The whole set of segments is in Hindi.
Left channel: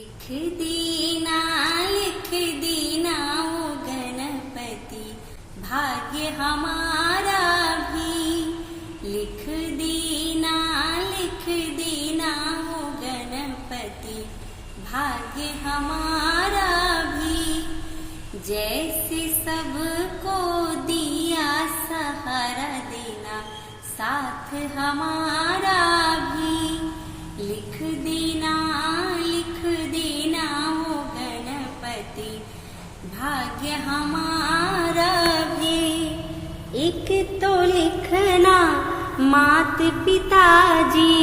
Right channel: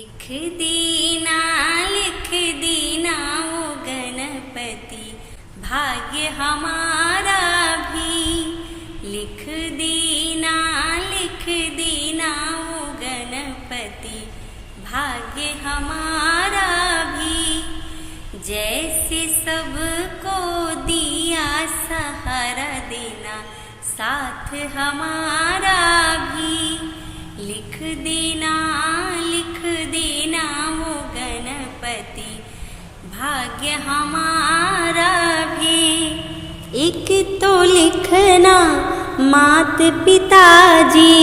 लिख दीना ओ गणपति, भाग्य हमारा भी। लिख दीना ओ गणपति, भाग्य हमारा भी। जैसे सबको दिया सहारा देना, साथ हमारा भी। लिख दीना ओ गणपति, भाग्य हमारा भी। एक तो लिखना मात पिताजी,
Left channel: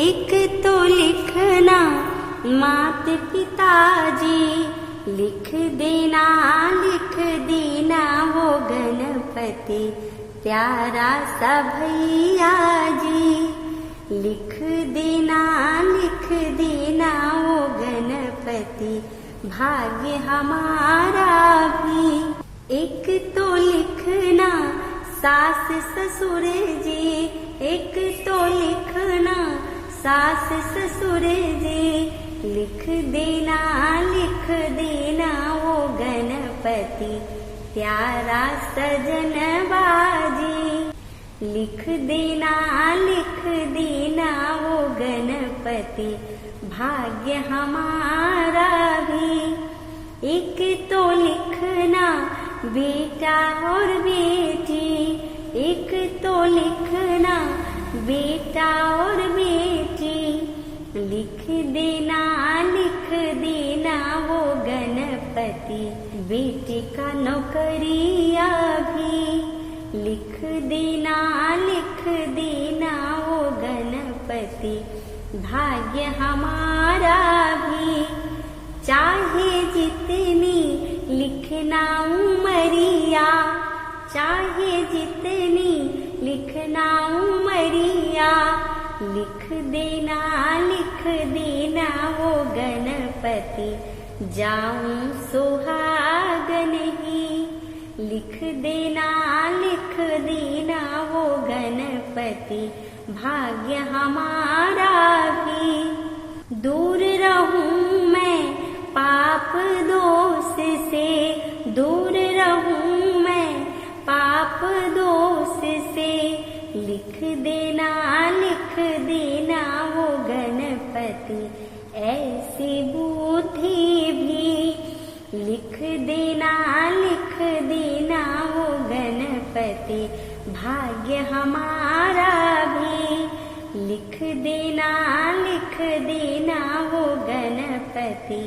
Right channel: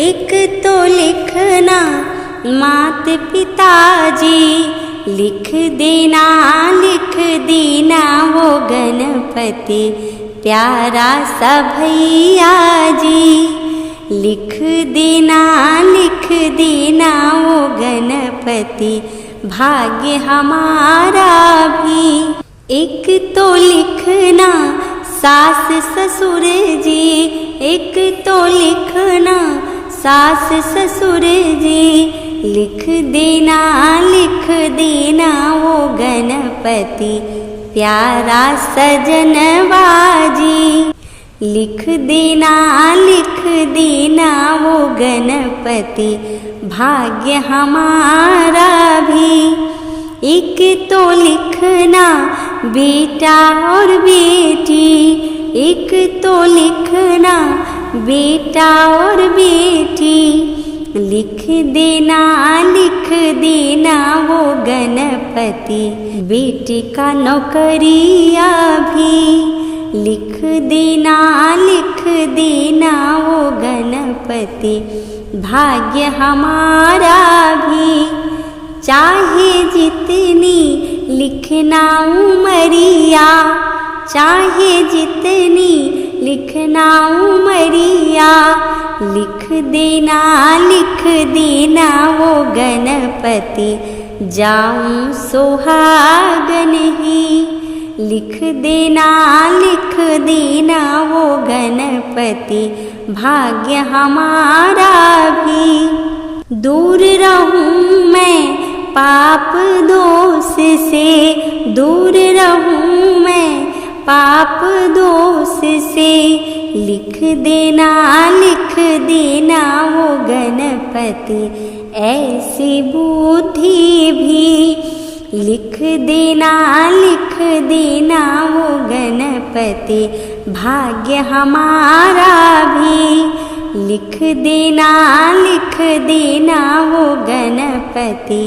एक तो लिखना मात पिताजी। लिख देना वो गणपति, प्यारा सा भैया जी। लिख देना वो गणपति, भाग्य हमारा भी। एक तो लिखना सास ससुर जी, एक तो लिखना सास ससुर जी। लिख देना वो गणपति, प्यारा सजनवा जी। लिख देना वो गणपति, भाग्य हमारा भी। एक तो लिखना बेटा और बेटी, एक तो लिखना बेटा और बेटी। लिख देना वो गणपति, बेटी का नौकरिया भी। लिख देना वो गणपति, भाग्य हमारा भी। चाहे जितनी लिखना उमरिया, चाहे जितनी लिखना उमरिया। लिख देना वो गणपति, जाऊं सुहागन ही। लिख देना वो गणपति, भाग्य हमारा भी। दूर रहूं मैं पाप दोष से, दूर रहूं मैं पाप दोष से। लिख देना वो गणपति, ऐसी बुद्धि भी। लिख देना वो गणपति, भाग्य हमारा भी। लिख देना वो गणपति,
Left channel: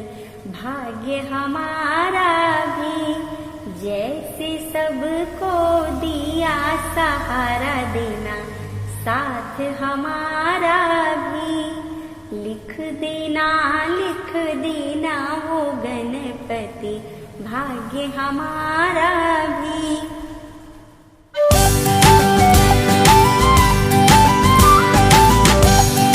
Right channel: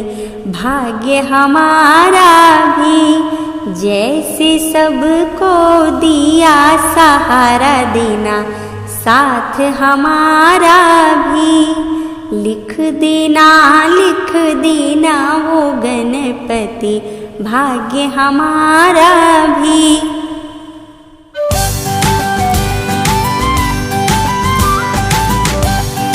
भाग्य हमारा भी। जैसे सबको दिया सहारा देना, साथ हमारा भी। लिख देना वो गणपति, भाग्य हमारा